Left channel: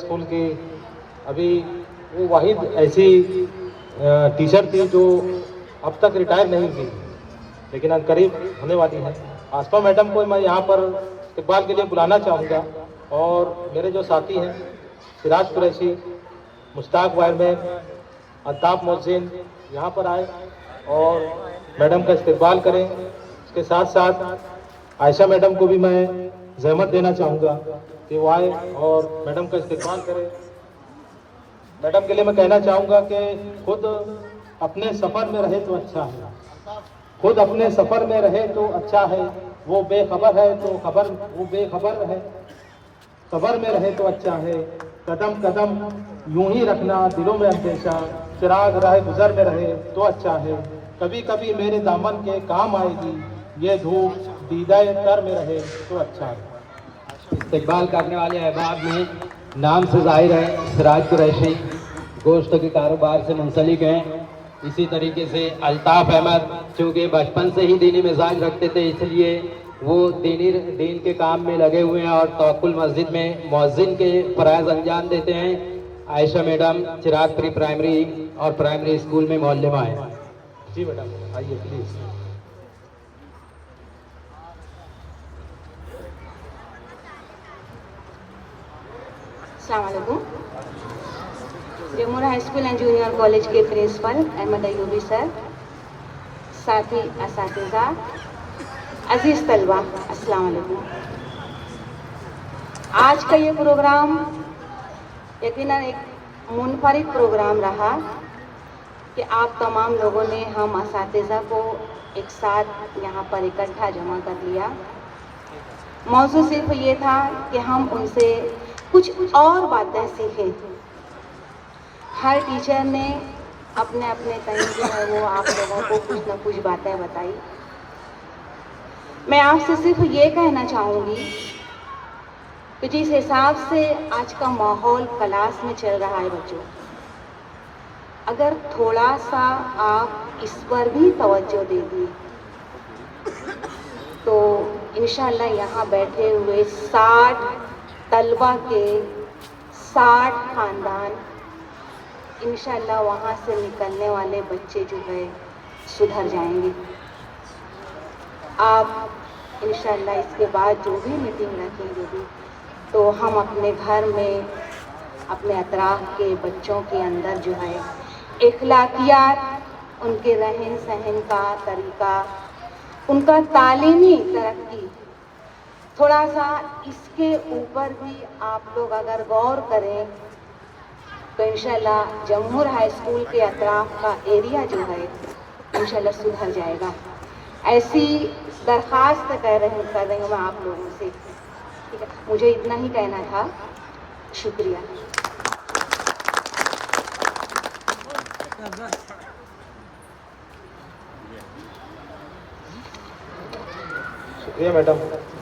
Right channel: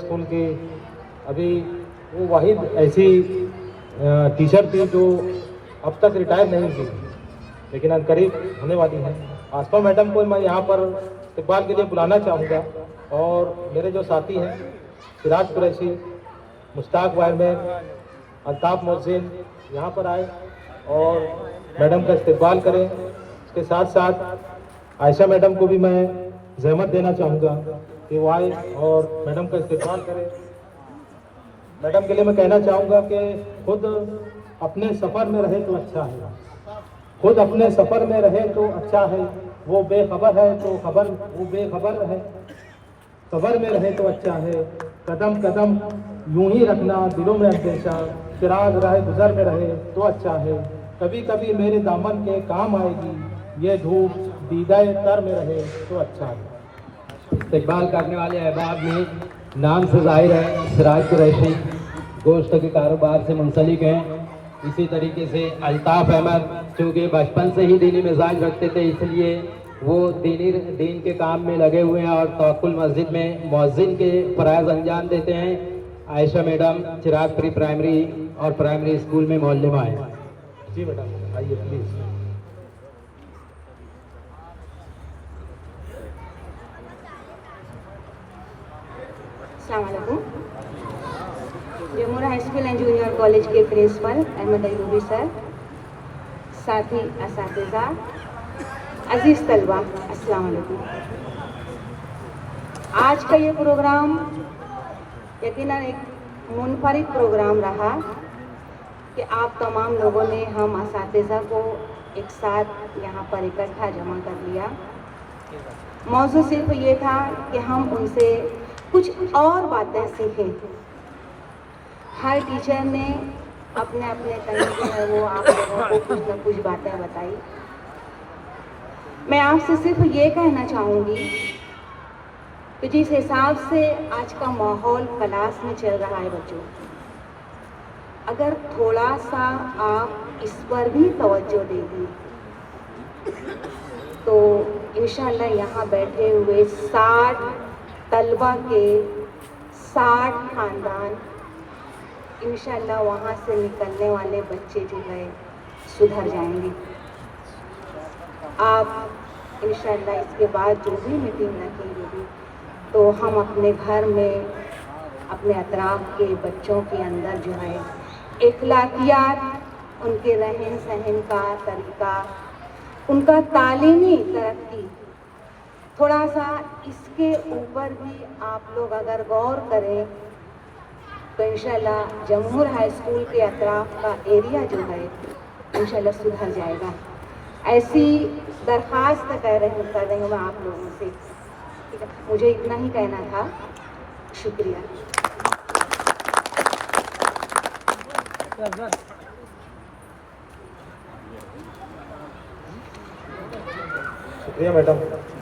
School की अभी वो वाहिद ऐसी टीचर थी जो अब तक रिटायर नहीं हुई, लेकिन अनकरीब होने वाली है। आसमा मैडम को मैं यहाँ पर इस्तकबाल के लिए बुलाना चाहूँगा, और मेरे जो साथी हैं सिराज कुरैशी, मुश्ताक वायरमैन, अल्ताफ मोहसिन यहाँ पर आए और मैडम का इस्तकबाल करें। उसके साथ साथ आयशा मैडम को भी मैं जहमत देना चाहूँगा कि वो आए और मैडम का इस्तकबाल करें। मैडम के लिए मैं कहना चाहूँगा कि खुद अपने सफ़र में रहे तो अच्छा है, खुद अपने सफ़र में रहे तो अच्छा है। वो बेखबर है तो वो बेखबर है, खबर में रहे तो अच्छा है। कदम कदम यूं ही रखना दिलों में अंदेशा, चिराग राह गुजर में रहे तो अच्छा है। कभी कभी मेरे दामन के काम आएगी, ये धूप दीदाए तर में रहे तो अच्छा है। इस्तकबाल करने वाले अहबाब में नाम से जाहिर है सिराज कुरैशी गोश्त के कारोबार से मुंसलिक हैं। इसी तरीके से अल्ताफ़ अहमद चूँकि बचपन से ही दीनी मिजाज रखते थे, इसलिए वो दीन के काम में लगे हुए हैं और तवक्कुल मस्जिद में मुअज्जिन के फ़राइज़ अंजाम देते हैं। आयशा मैडम चिराग प्री प्राइमरी और प्राइमरी स्कूल में मुअल्लिमा हैं। जी मैडम आइए प्लीज़। अस्सलाम वालेकुम। Jamuna high school and junior college के प्रिंसिपल अहमद अयूबी सर, साथी असातिज़ा, अजीज़ तलबा, अस्सलाम वालेकुम। आज का ये प्रोग्राम यकीनन एक मुनफरिद प्रोग्राम रहा कि आप तमाम लोगों ने हम असातिज़ा को एक साथ यहाँ पर इकट्ठा जमा कर लिया। मौजू सिर्फ ये था कि हम उनसे कुछ और बातें सीखें। हर टीचर ने अपने अपने तरीके है वो आप लोगों को कुछ न कुछ बातें बताई। मैं आपसे सिर्फ ये कहना चाहूँगी कि जिस हिसाब से आज का माहौल क्लास में चल रहा है बच्चों, अगर थोड़ा सा आप इस पर भी तवज्जो दे दिए तो इंशाल्लाह यहाँ बैठे हुए 60 तलबा के 60 ख़ानदान, इंशाल्लाह वहाँ से निकलने वाले बच्चे जो है सुधर जाएंगे। आप इंशाल्लाह इसके बाद जो भी मीटिंग रखेंगे भी, तो हम अपने घर में अपने अतराफ के बच्चों के अंदर जो है इखलाकियात, उनके रहन सहन का तरीका, उनका तालीमी तरक्की, थोड़ा सा इसके ऊपर भी आप लोग अगर गौर करें तो इंशाल्लाह जमहूर हाई स्कूल के अतराफ का एरिया जो है इंशाल्लाह सुधर जाएगा। ऐसी दरख्वास्त कर रही हूँ मैं आप लोगों से। ठीक है, मुझे इतना ही कहना था। शुक्रिया। शुक्रिया मैडम।